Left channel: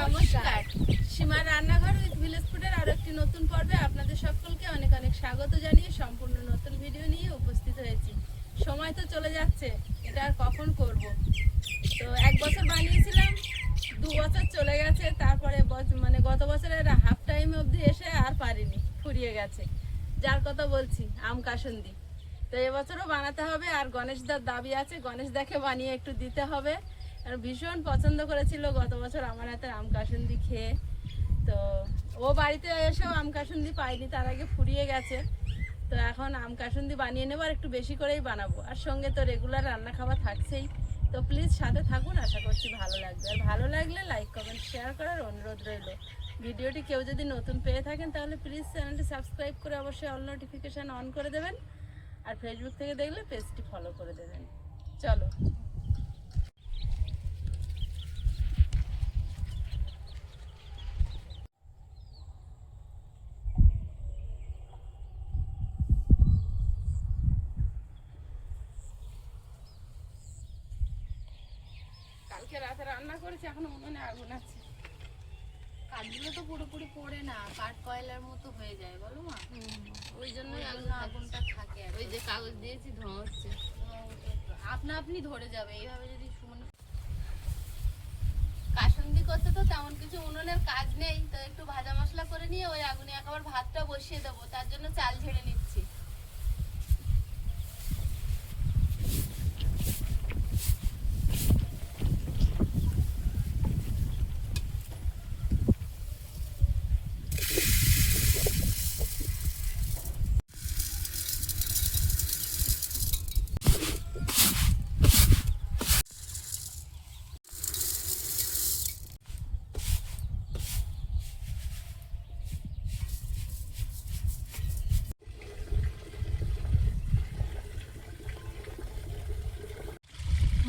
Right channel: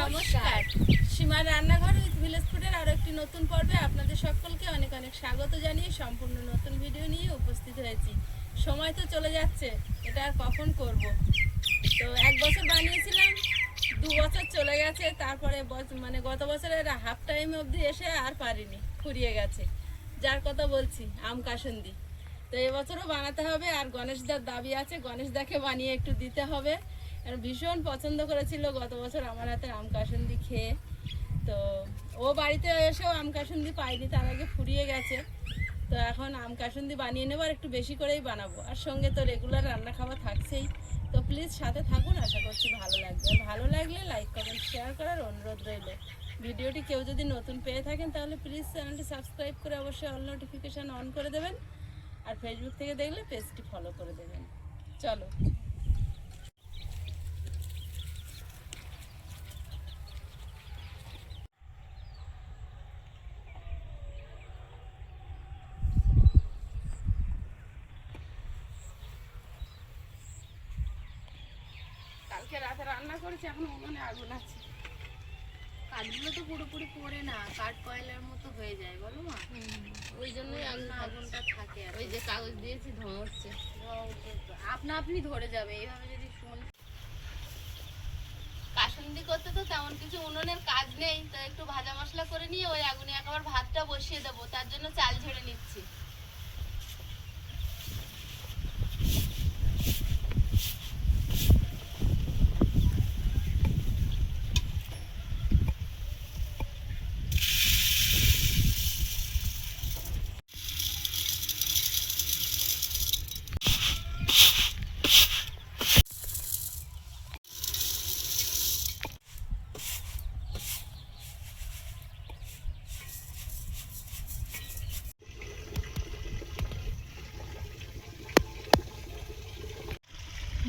নমস্কার, সীমার রান্নাঘর উইথ ভিলেজ ফুডের আরো একটি নতুন পর্বে আপনাদের সকলকে অনেক অনেক স্বাগত জানিয়ে সম্পূর্ণ নতুন ভিডিও নিয়ে উপস্থিত হয়েছি। সময় তো চলে যাচ্ছে, এটা আর কখন করব। তো 1 বছর বানিয়েছিলাম, 2 বছর চলে গেছে, তারপরে গত বছরের হাফ টাইম অবধি এসে আর পারিনি, ফুরিয়ে গেছে। যার কথা বলছি আম কাসুন্দি। তো এবছরও বানাতে হবে, আর গণেশদার দাবি আছে, গণেশদাকে বানিয়ে একটু দিতে হবে। আর ভীষণ পছন্দ করেছিল গত বছর আমার হাতের আম কাসুন্দি খেয়ে। তো ও বাড়িতে এসেও আম কাসুন্দি পাইনি, তার আগে ফুরিয়ে গেছে। তো এখন আম কাসুন্দি বানিয়ে নেবো, আর একটু বেশি করেই বানাবো। আর সঙ্গে তো রেগুলার রান্না খাওয়া থাকছেই। তো প্লিজ সাথে থাকুন, আশা করছি ভালো লাগবে। আর ভালো লাগলে লাইক কমেন্ট শেয়ার করার অনুরোধ রইল। ভিডিওটি কেউ যদি নতুন পেয়ে থাকেন তাহলে প্লিজ চ্যানেলটি সাবস্ক্রাইব করে অবশ্যই অল নোটিফিকেশান অন করে দেবেন। আর ফেসবুক থেকে দেখলে পেজটি ফলো করে দেবেন। চলো। কালকে রাতে রান্না করেছি, এখন উনুনে আগুন আছে। কাঠগুলো তো পুরোপুরি পড়ে না, কাঠ কয়লার মতো হয়ে যায়, বলো মা। ওই জন্যই আগুনটা থাকে। ওই যে কাগজ দিয়েছি, ধোঁয়া হচ্ছে। আপনা আপনি ধরে যাবে এইভাবে যদি কাসুন্দি করতে তো তেমন কিছু উনুনের কাজ নেই, তো একটু ভাজা মশলা করে নিয়ে ওই আগুনে একবার ভাতটা বসিয়ে দেবো, তার জন্য চাল ঝেড়ে নিচ্ছি।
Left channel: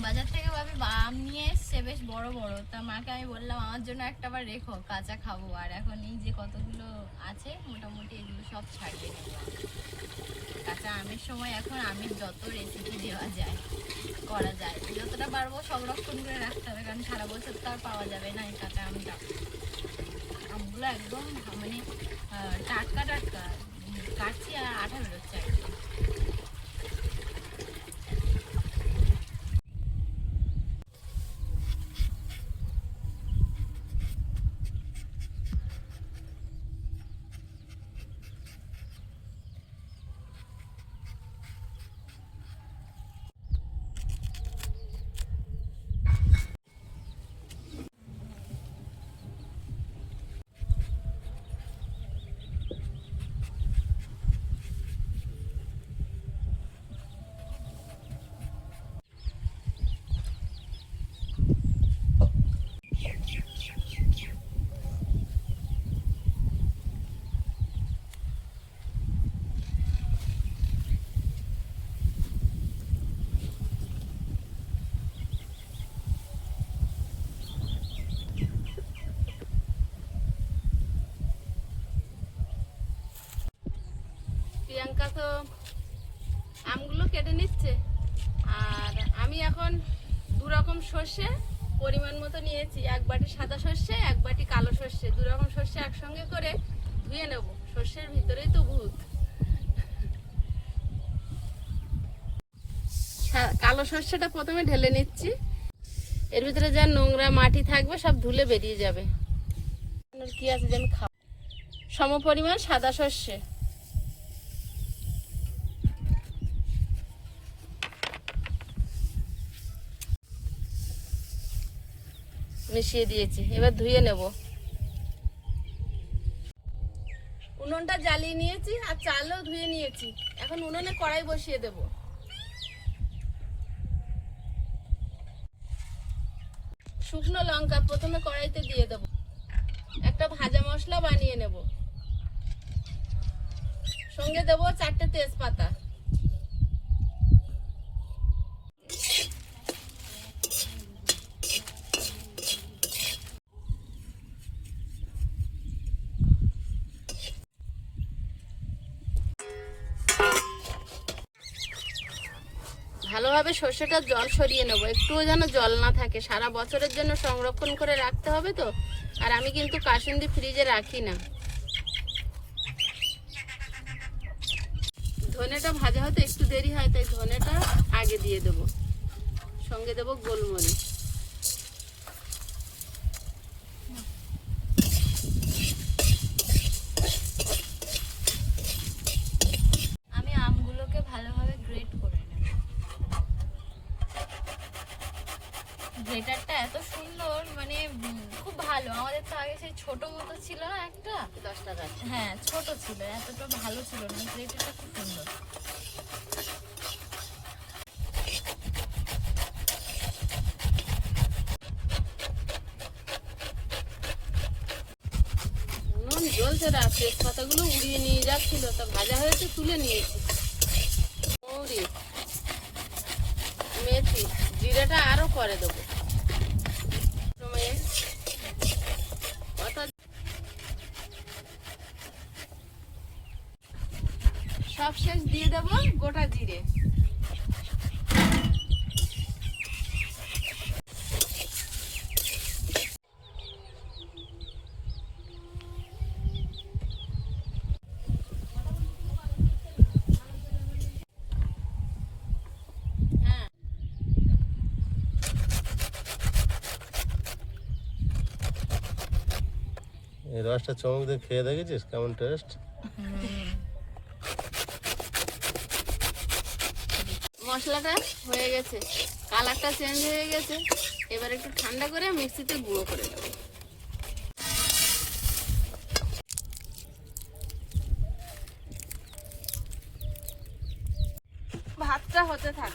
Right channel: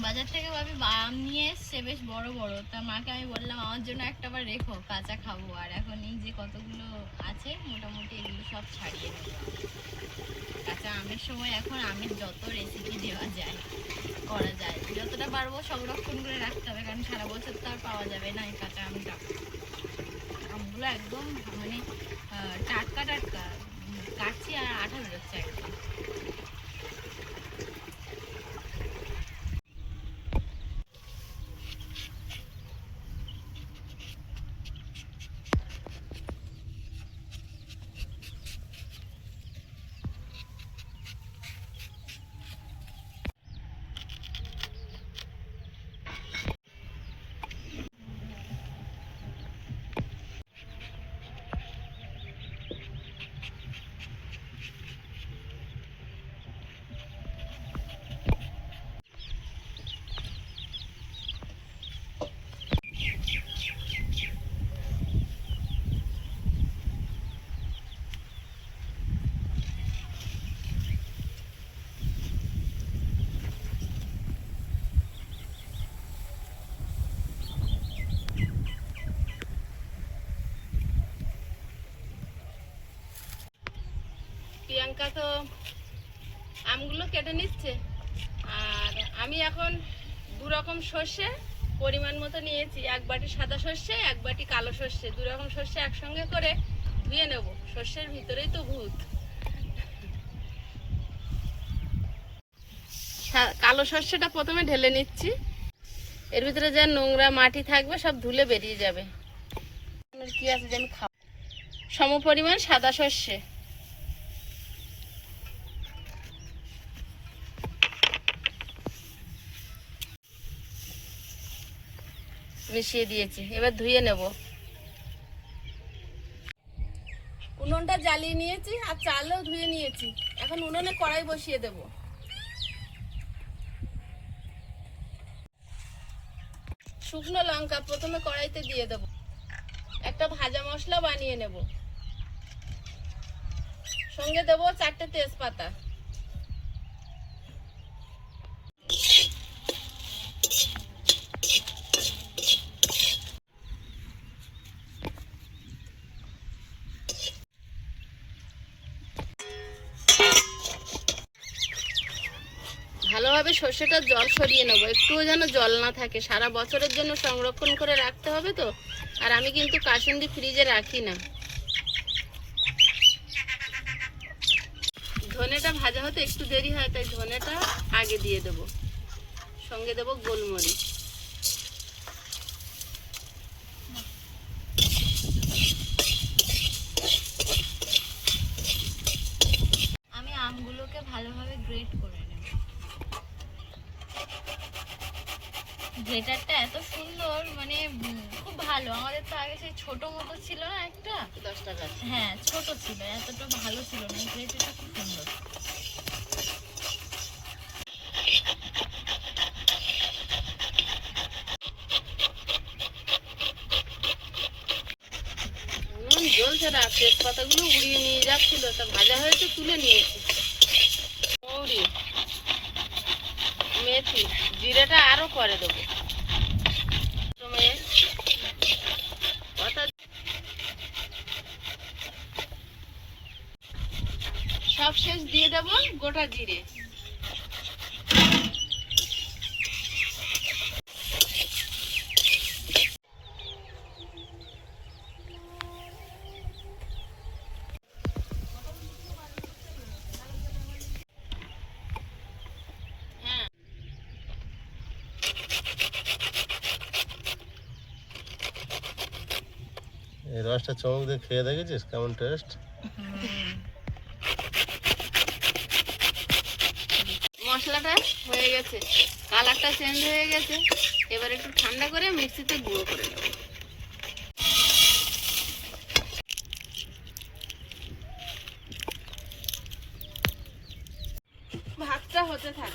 বাজার থেকে ভাবি আম নিয়ে এসছে বেশ বড় বড়। তা মাকে আমি বললাম আমার জন্য একটা বার রেখো, কাঁচা খাবো। আর এখন এই যে কতগুলো আছে মোটামুটি এগুলো সব ছাড়িয়ে নেবো। কাঁচা আমের সময় এখন আমের যত রেসিপি দেওয়া যায় করা যায়, যতটা পারবো সংরক্ষণ করে রাখতে হবে, কারণ সারা বছর তো আর পাওয়া যাবে না এই কাঁচা আমটা। আমগুলো একদম মানে টাটকা টাটকা, কাটছি আর আঠা বেরোচ্ছে একদম। প্রিয়াঙ্কা তো আমগুলো কেটে নিচ্ছে, আর আমি এখন 2 রকম সর্ষে পরিমাণ মতো নিয়েছি। 1 বাটি সাদা সর্ষে, 1 বাটি কালো সর্ষে, 2 রকম সর্ষে একসঙ্গে করে ধুয়ে নেব। সর্ষের ভিতরেই তো ভূত। কালো সর্ষেটা প্রথমে ঢেলে নিচ্ছি, এর ভিতরে যা নোংরা মাটি থাকবে সব ধুলে বেরিয়ে যাবে। কি আছে যে আমি খাবো। সম পরিমাণ সাদা সর্ষে মিশিয়ে দিয়েছি, এবার ধুয়ে নেব। উনুনটা জ্বালিয়ে নিয়েছি আর চালও ধুয়ে নিয়েছি। এখন উনুনে কড়াই বসিয়ে দেব। শুকনো লঙ্কা প্রথমে কড়াইতে দিয়ে দেব। একটা ভাজা মশলা বানিয়ে নেব, সঙ্গে দেব 4টে তেজপাতা। ভালোভাবে সর্ষেটার জল সরিয়ে নেবো, একটুও যেন জল না থাকে। সারা বছরের জন্য সংরক্ষণ করে রাখতে হবে তো। আর আমি কিন্তু কাসুন্দি ফ্রিজে রাখি না। ধনেটা ভাজা হতে একটু দেরি হয়, তাই ধনেটা আগে দিয়ে দেবো। সঙ্গে দেবো গোলমরিচ। আমি আমগুলোকে ভালোভাবে গ্রেট করে নেব। গ্রেটারটা এত সুন্দর, মানে খুব ভালো। আমাদের তো আগে সেই ছোট মতো ছিল না একটা, 10 টাকা। হ্যাঁ ছোট ছিল, এতটা ভালো ছিল না। গ্রেটারটা খুব সুন্দর। জ্বলছে না, তেজপাতাগুলো উড়িয়ে নিয়ে যাচ্ছিল, তা ভাজা হয়েছে তুলে নিয়েছি। মৌরি, মেথি, জিরাটা আরো করে দেবো। সব শেষ দিয়ে দেবো গোটা জিরে। এই রসটা চমক দিয়ে খেয়ে দেখেছিস কেমন টেস্ট? মশলাটা হয়ে গেছে, কালারটা চেঞ্জ হয়ে গেছে। এবার একটু ঠান্ডা করে মিক্সিতে গুঁড়ো করে নেব। ভাতটা হতে থাক।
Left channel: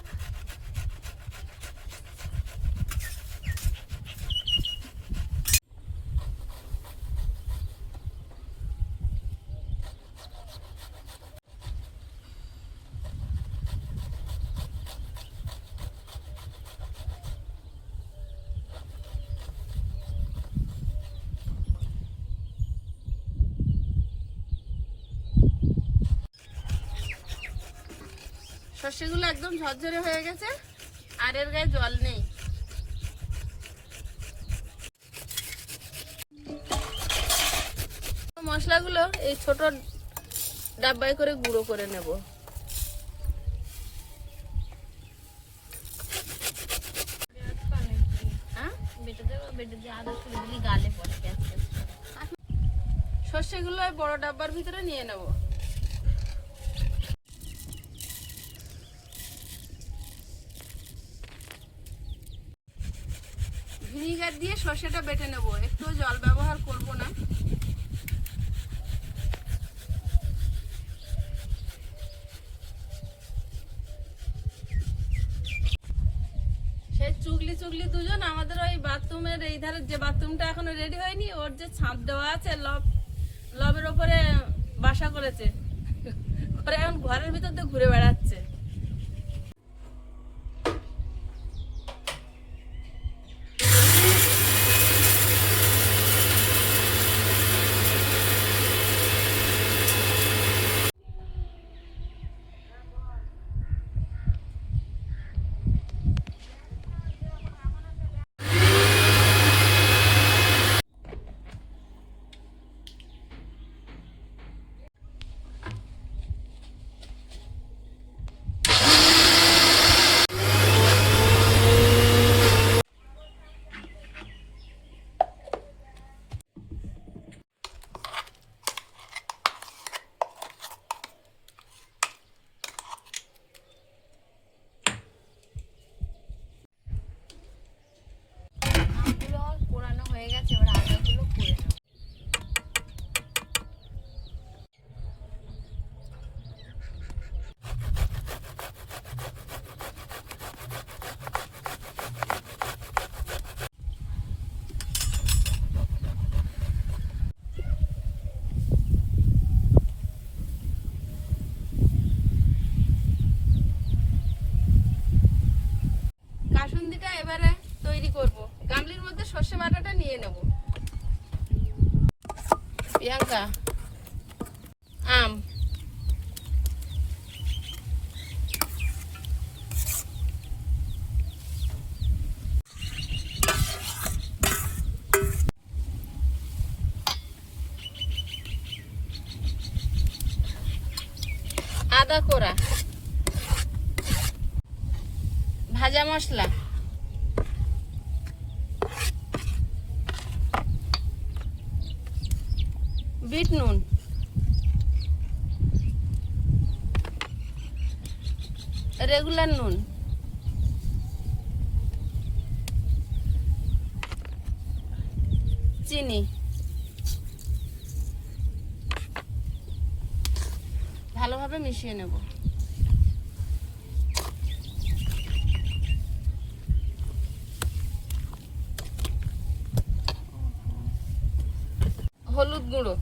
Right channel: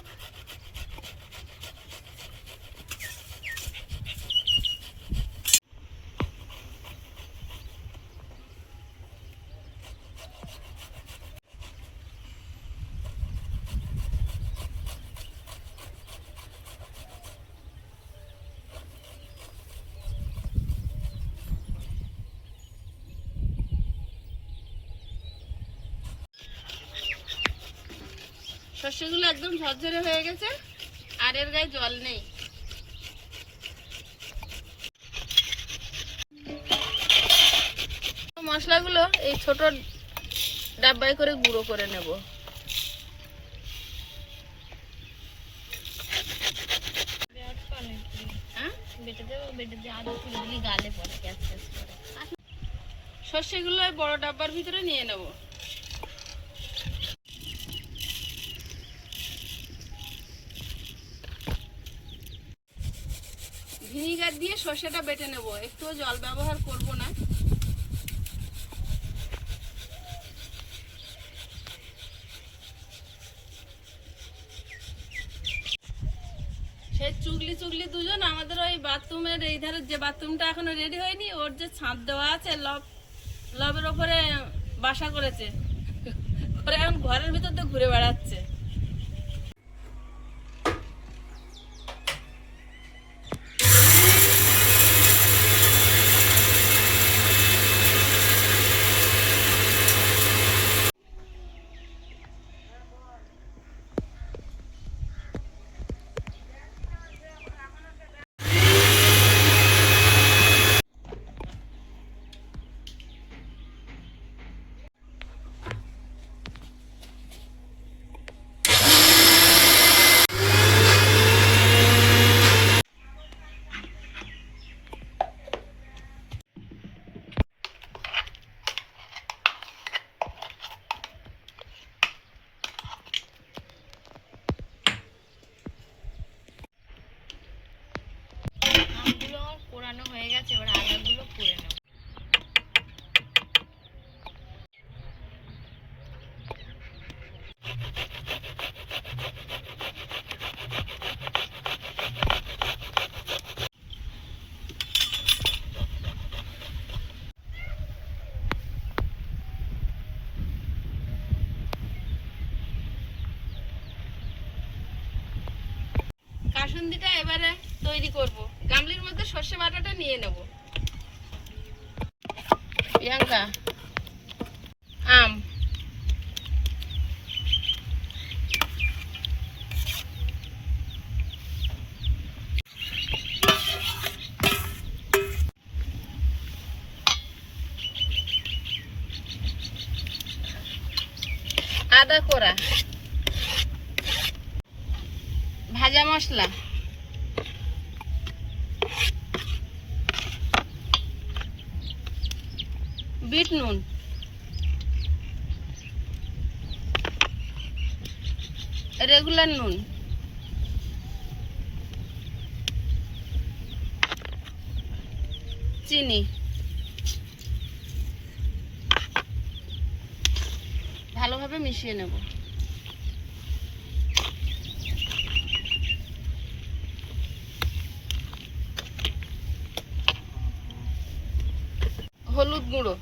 সর্ষেগুলো একদম ঝরঝরে হয়ে গেছে, আর এর গায়ে জল নেই। মশলাগুলো এই ছোট ডাব্বায় করে গুঁড়ো করে নেব। সর্ষেগুলো বড় ডাব্বার ভিতরে নিয়ে নেব। ভিনিগার দিয়ে সর্ষেটা বেটে নেব, একটু জল ব্যবহার করব না। সেই চুগলি চুগলি দুজন আমাদের ওই বাথরুমের এই ধারে, যে বাথরুমটা এখনো রেডি হয়নি, ওর যে ছাদ দেওয়া আছে লবের ওপরে বাসা করেছে, করে এখন ঘরের ভিতর দিয়ে ঘুরে বেড়াচ্ছে। পোড়ানো হয়ে গেছে, এবার আদাগুলো পুড়ে নেব। কাসুন্দিটা এবারে তৈরি করব। গামলির মধ্যে সর্ষে বাটাটা নিয়ে নেব। প্রিয়াঙ্কা, আম, বড়া, ভাজা মশলা, বিট নুন, রেগুলার নুন, চিনি, ভালোভাবে মিশিয়ে নেব। হলুদ গুঁড়ো,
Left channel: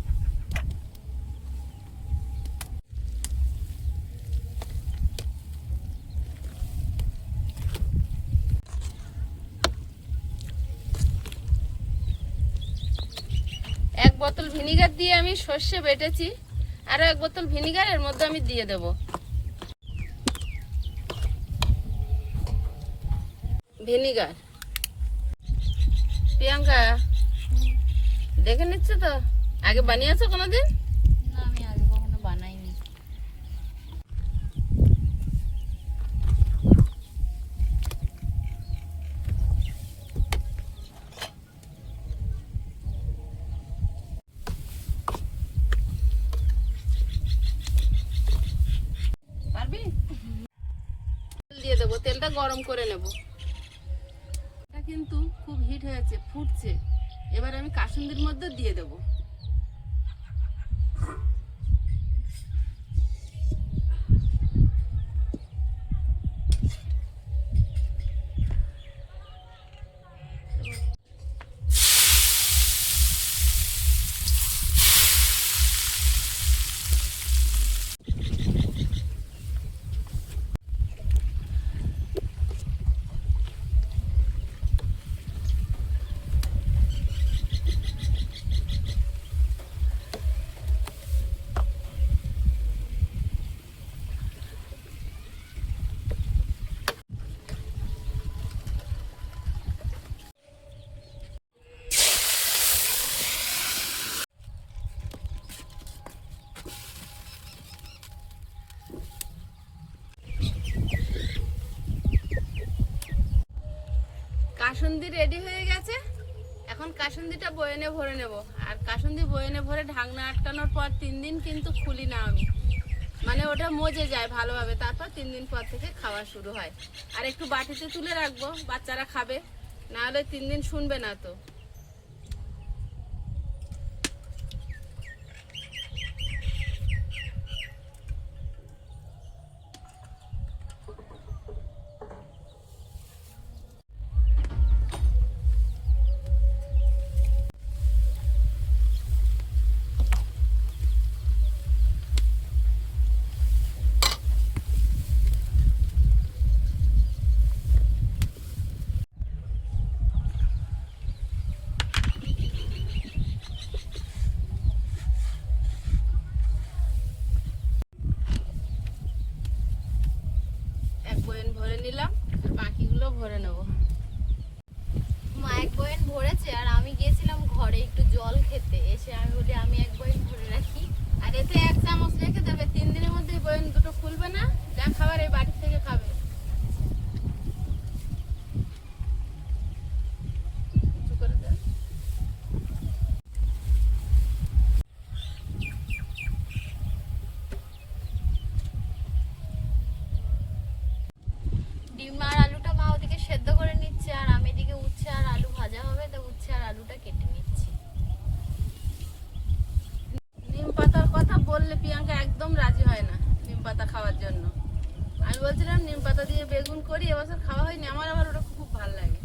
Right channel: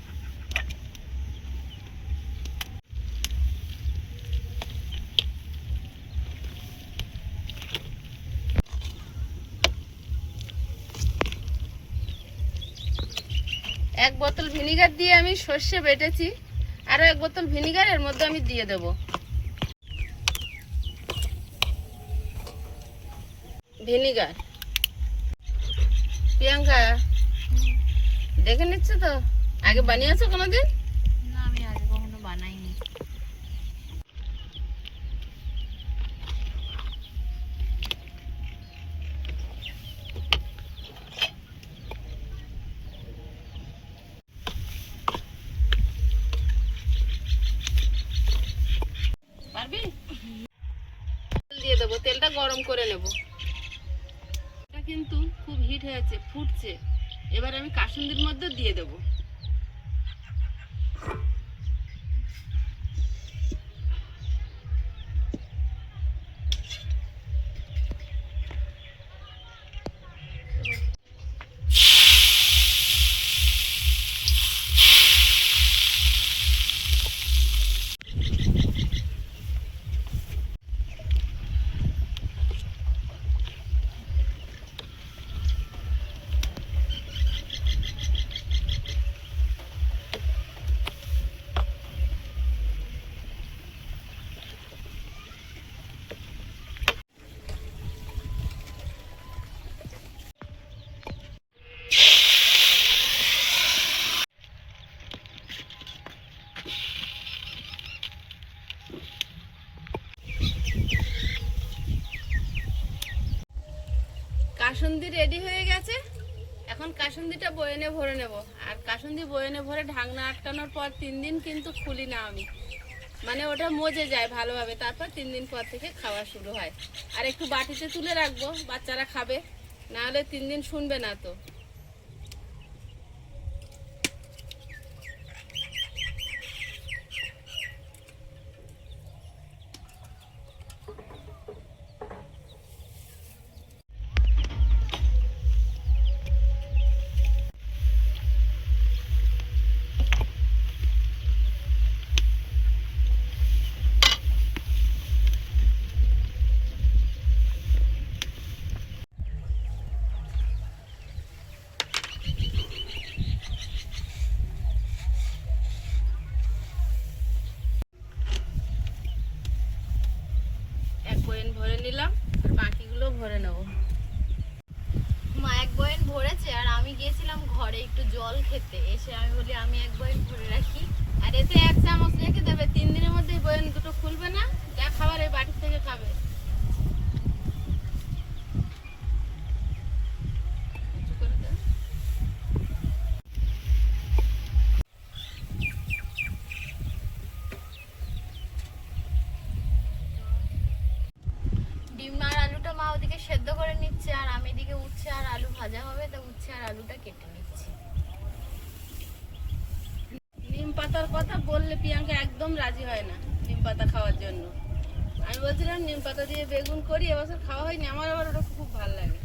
এক বোতল ভিনিগার দিয়ে আমি সর্ষে বেটেছি, আরো এক বোতল ভিনিগার এর মধ্যে আমি দিয়ে দেব। ভিনিগার, প্রিয়াঙ্কা দেখে নিচ্ছে তো, আগে বানিয়েছো কোনোদিন? না, আমি আগে কখনো বানাইনি। পারবি? তেল দিয়ে দেবো, তেলটা গরম করে নেব। এটা কিন্তু খুব হিট হয়েছে, ফুটছে। এবার আমি কাসুন্দির মধ্যে দিয়ে দেব। কাসুন্দি রেডি হয়ে গেছে। এখন কাসুন্দিটা বয়নে ভরে নেব। আর কাসুন্দি বয়নে ভরে ঢাকনা আটকানোর পর 3 দিন কিন্তু খুলি না আমি, মানে ওটা মজে যায় ভালোভাবে। তারপর 3 দিন পর থেকে খাওয়া শুরু হয়। আর একটু বাটিতে তুলে রাখবো, বাচ্চারা খাবে, না হলে 3 দিন শুনবে না তো। এক বয়ন ভরে নিলাম, বাকিগুলো ভরে নেব। মা এক বয়ান ভরেছে, আর আমি গিয়েছিলাম ঘরে একটু জল খেতে, এসে আমি বলি আমি এক বয়ান ভরে রাখি। আর এতে 1 চামচ রেখে দেবে, 3 দিনের মধ্যে এই বয়ন দুটো খুলবে না, যা খাবার এই বাটি থেকে খাবে। উঁচু করে দাও। ডিম আর আলুটা মা ওদিকে সেদ্ধ করে নিচ্ছে, আর আমি এদিকে উচ্ছে আর আলু ভাজা হবে, তো উচ্ছে আর আলুটা কেটে নিচ্ছি। নিম পাতার কথা বললে প্রিয়াঙ্কা একদম রাজি হয় না নিম পাতা খাওয়ার জন্য। আমি বলছিলাম নিম পাতা দিয়ে বেগুন করি, এবছর খাওয়া হয়নি। আমার আবার ওটা খুব ভালো লাগে।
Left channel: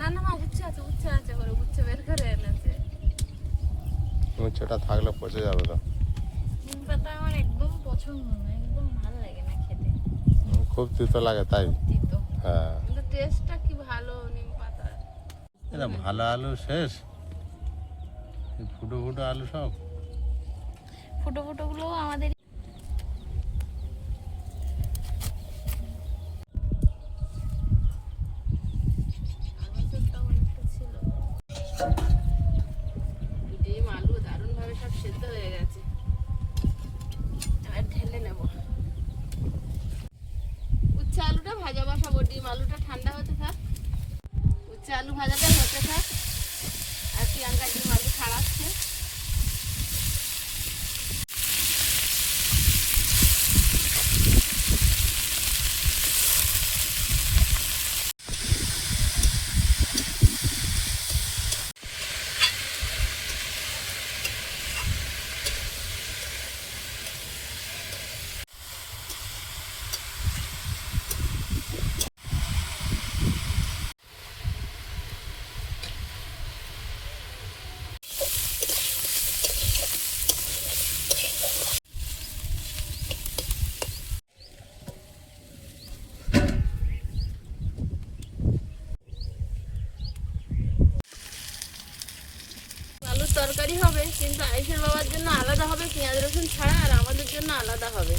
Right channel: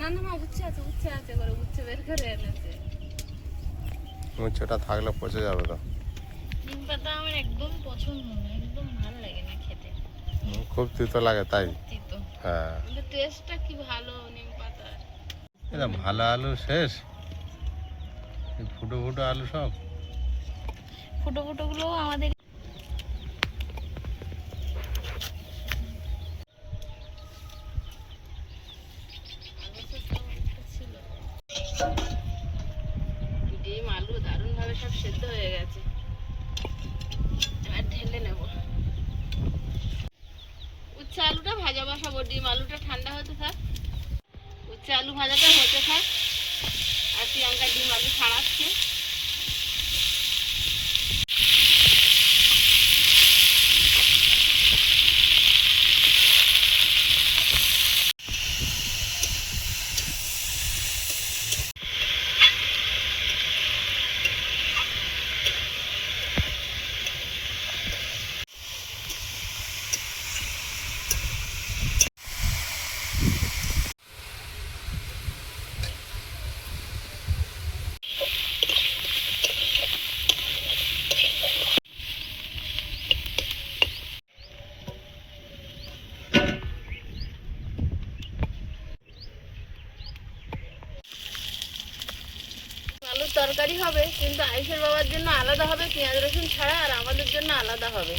না না মা, উচ্ছে আছে, উচ্ছে আছে করে উচ্ছে বের করে এনেছে। উচ্চটা থাকলে পচে যাবে তো। নিম পাতা আমার একদম পছন্দ না, একদম ভালো লাগে না খেতে, খুব তিতো লাগে তাই। তিতো। হ্যাঁ, কিন্তু টেস্টটা কি ভালো নিম পাতার। এটা ভালো আলু শেষ, এই ফুটো ফুটো আলু সব। ফুটো ফুটো গুলো আমাদের ডিম আলু দারুণ ভাবে সব সেদ্ধ হয়ে গেছে। এবার ঢেলে নেব। ডিম আলুটা ঠান্ডা হতে থাক, উচ্ছে আলু ভাজাটা হতে থাক, আর প্রিয়াঙ্কা ডিম আলু ছাড়াচ্ছে। আলুর তরকারি হবে, কিন্তু আয়ুষের বাবার জন্য আলাদা হবে পেঁয়াজ রসুন ছাড়া, আর আমাদের জন্য আলাদা হবে।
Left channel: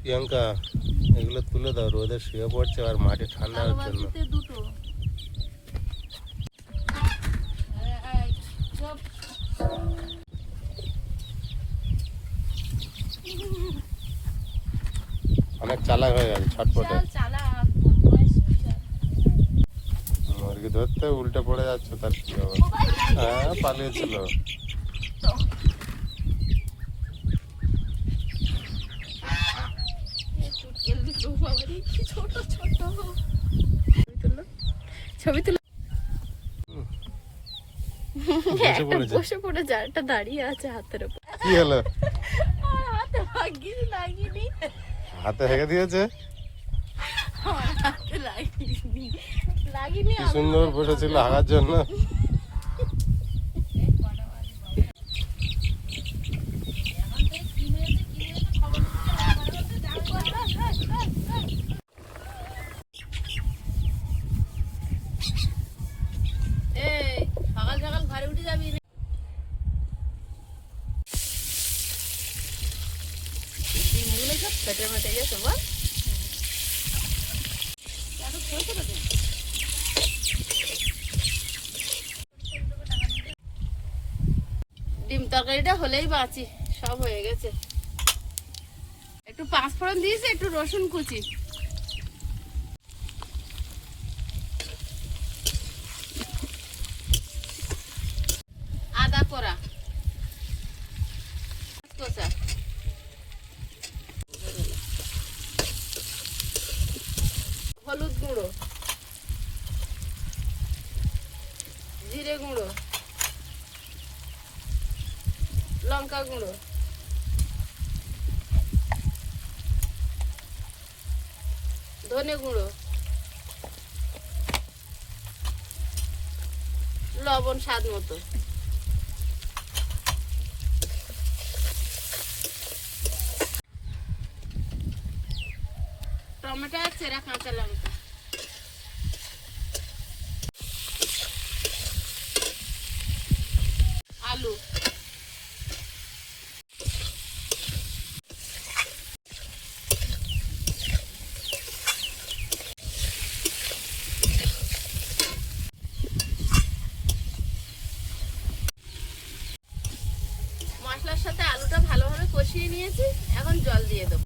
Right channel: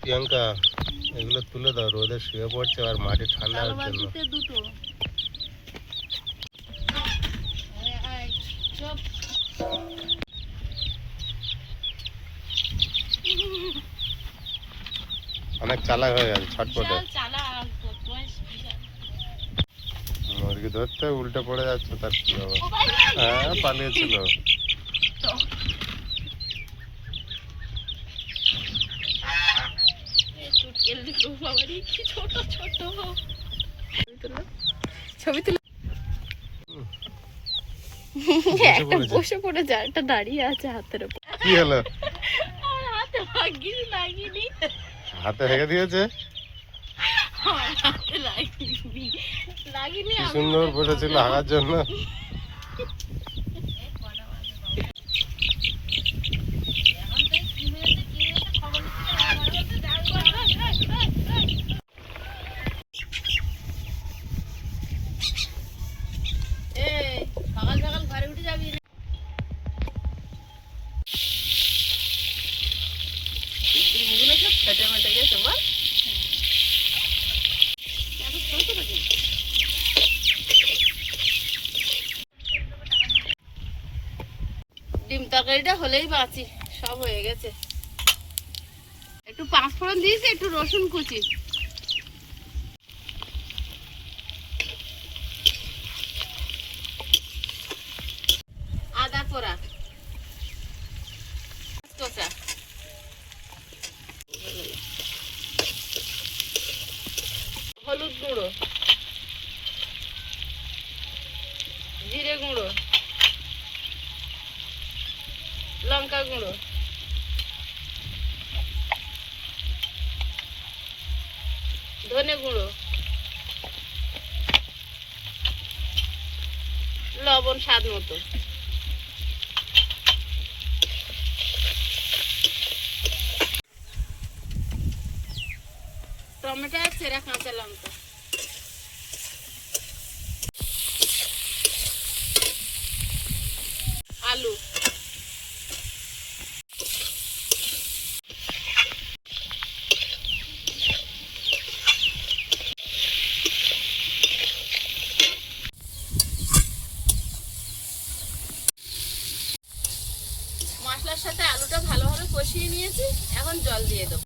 প্রিয়াঙ্কা এগুলো তুলে দাও, রোদে শুয়ে পড়ছে আর মাটি ঠান্ডা আলু হওয়ার জন্য। বাটিতে দুটো। চুপ। অনেক চালাক হয়ে গেছে ছটপটে। বিশাল চালাক, বদমাইশ বিশাল। মুরগি ধরতে উল্টে পড়ে যাচ্ছে, তার কি হবে? হ্যাঁ পালিয়েছিল। এই চুটকেল দুটো বাবারই কি ছোট ছোট। ছবি তুলো। বসে পড়েছে। বসে পড়ে যা, একটা দাঁড়িয়ে আছে হাতের উপর। কি হলো? আর হাতে লাগিনি। হাতে হেগে দিয়েছে। আমার হাতে লাগিনি। কি সুন্দর বসেছিল হাগার জন্য। এই সকাল সকাল ঘরে উঠে যাবি। ডিমগুলো সব ফেটে ফেটে গেছে বল। ডিম তরকারিটা হলেই বাঁচি, সব হয়ে গেছে। একটু পাঁচফোড়ন দিয়েছি, একটু রসুন কুচি, আদা কোরা, কোচা, হলুদ গুঁড়ো, জিরে গুঁড়ো, লঙ্কা গুঁড়ো, ধনে গুঁড়ো, লবণ স্বাদ মতো। টমেটো আর চেরা কাঁচা লঙ্কা, আলু, মশলার সাথে আলুটা ভালোভাবে কষিয়ে নিয়েছি, এখন জল দিয়ে দেবো।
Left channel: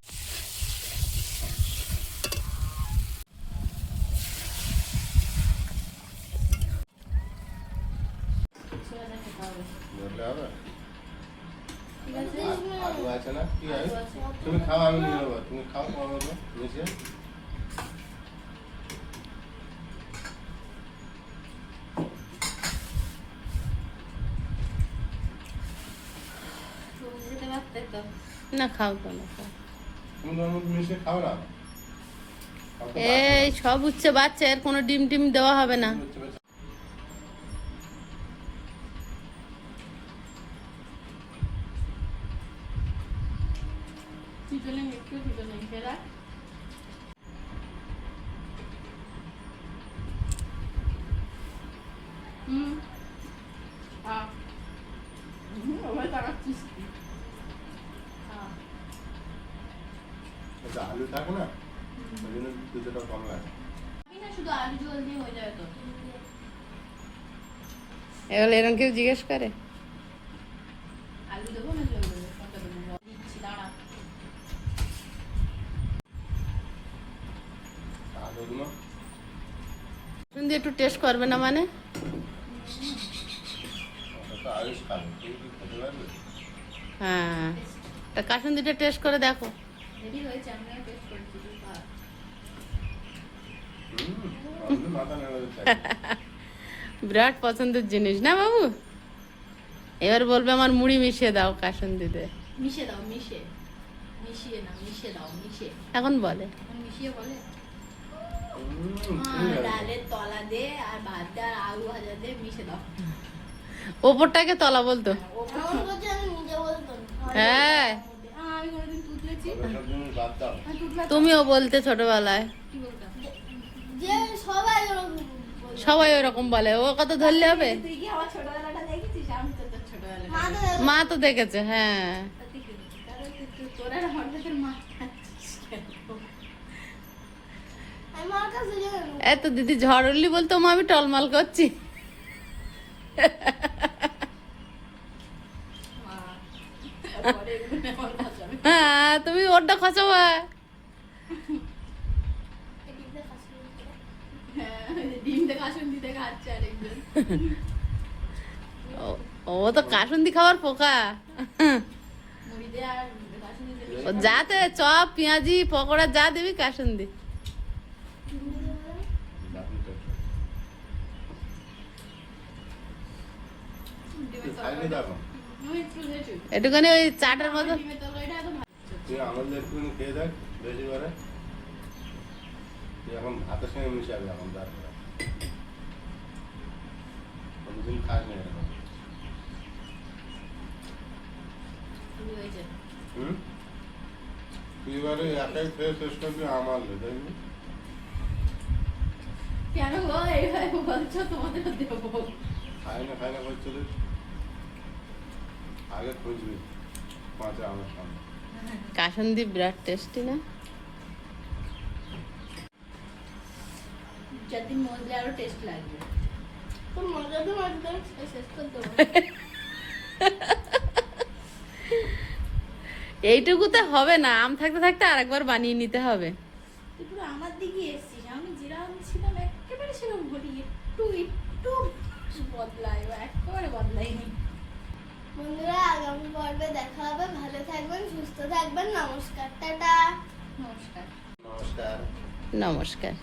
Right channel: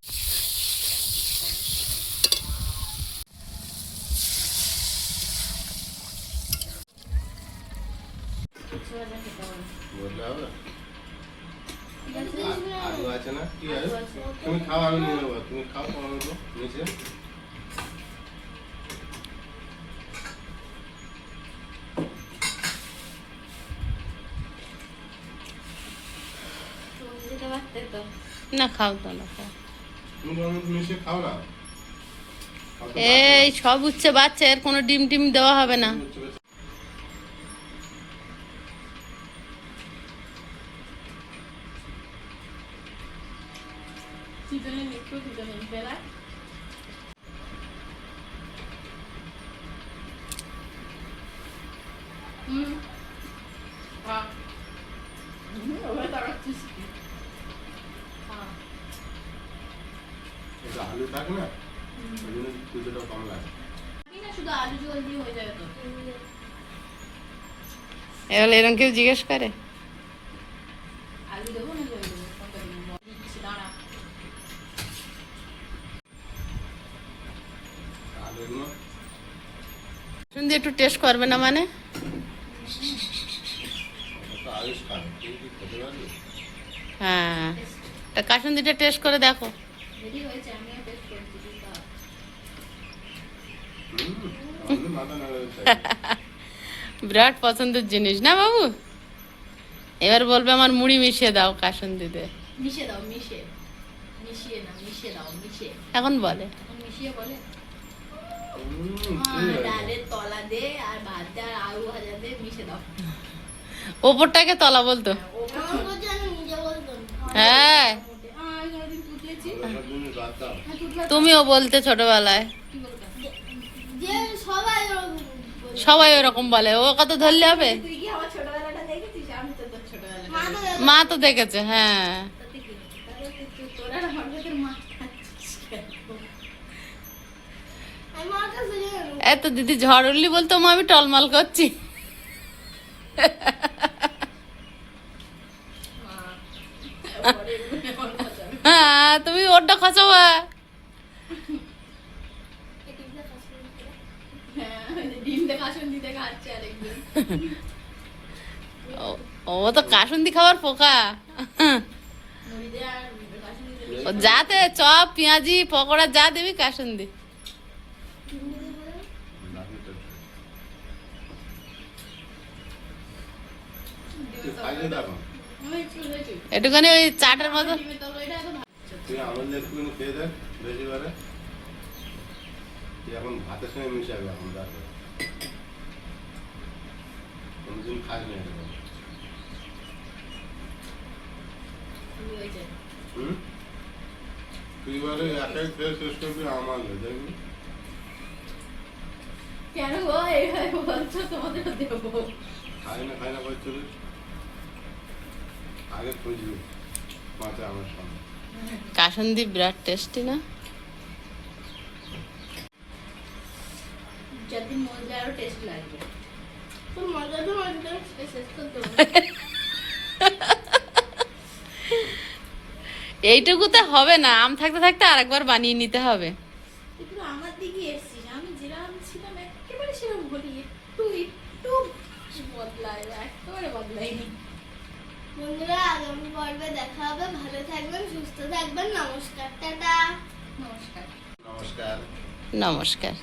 বললে হবে? আলু আছে না? কি আলু? তুমি খাও, আমি নিয়ে নেবো। তুমি খাও, তোমার মতো নিচে। না খাও তো না খাও। তুমি তোমার মতো মিশিয়ে খাও না। এই সব উচ্ছে বাচ্চা, এর কোনো ডিম টিম দেওয়া হবে না। আলু থাকে না, ওই জন্য কিছুটা কম লাগে। শুধু আলু জল দিয়ে হয়ে যাবে তো। এবার এরকম কেউ জিজ্ঞেস করে? আলু দেবো না জল দেবো কোনটা দেবো দিচ্ছি দাঁড়া। শুনছি একটু টেস্ট করবে না মানে? হ্যাঁ, তা কাসুন্দিটা টেস্ট করে দেখো। রেডি হয়েছে আমিও টেস্ট করছি দুধটা। বিরাট পছন্দের জিনিস না বাবু? এবার বলবে আমার মুড়ি মিশিয়ে দাও কাসুন্দিতে। মিশিয়ে দাও মিশিয়ে না মিশিয়ে দাও মিশিয়ে। এখন বলে এখন মিশিয়ে বলে ডালের তলা দে আর ভাত দে আর আলু ভাজা দে মিশিয়ে দাও। ওপরটাকে তলা বলতো। হ্যাঁ, আমি কোনোদিন তুতলেছি তুমিও বলতে ছোটবেলায়। কি বলতাম সবাই ওরকম বলে, ও কত ধরলে হবে? তুই কি আমার ছোটবেলাটা দেখেছিস? আমি তো তোর ছোটবেলাটা মা তো দেখেছে, হ্যাঁ। তাতে কি তাহলে তুই তোরা আমার সাথে মা খাচ্ছিস কেন? এত দিদি ঝড় উঠলি বলতো মা আমি টলমল করছি। পরে এগুলো আমার কাছে আমি হ্যাঁ, তুমি ওরটা খসাবা। হ্যাঁ ডিমটা কাসুন দিতে খাচ্ছে আরেকজন ও তো কাসুন্দি খাবার পোকা। মুড়ি দে আর কাসুন দিতে ও যাতে চপ পেঁয়াজি পকোড়া যা দিবি কাসুন্দি। একটুখানি ওই চাটের মতো। ডিমের তরকারিটা এত ভালো তুই আমাদের একটু খেয়ে দেখ বেশি বারে তুই এখন ভাতের সঙ্গে মিশে যাবে এখন তারপরে কোনদিন খাস না এরকম শুরু হয়েছে। হুম তুই এবারে একাই খেয়ে শেষ করবি আমার দেখবি কেন গো এইভাবে বলছো? তোমাদের দেবো খাই না করছিস আগে খুঁজবি মাত্র আমার সামনে কাসুন্দি বিরাট টেস্টি না? যেদিন মজলে আরো টেস্ট লাগবে। তোর মজাটা মজলে শেষ করতে হবে। এইটুকুতে হবে না, আম থাকতে থাকতে আরেকবার বানিয়ে নিতে হবে। একটু আমার দিকে এসছিস, আমি যেরকম ছিলাম একেবারে সেরকম বলি একটু বদলায় একেবারে বদলাইনি। বন্ধুরা আগামী পর্বে দেখা হবে। ভালো থাকবেন, সুস্থ থাকবেন। নমস্কার, টাটা। নমস্কার। নমস্কার নমস্কার।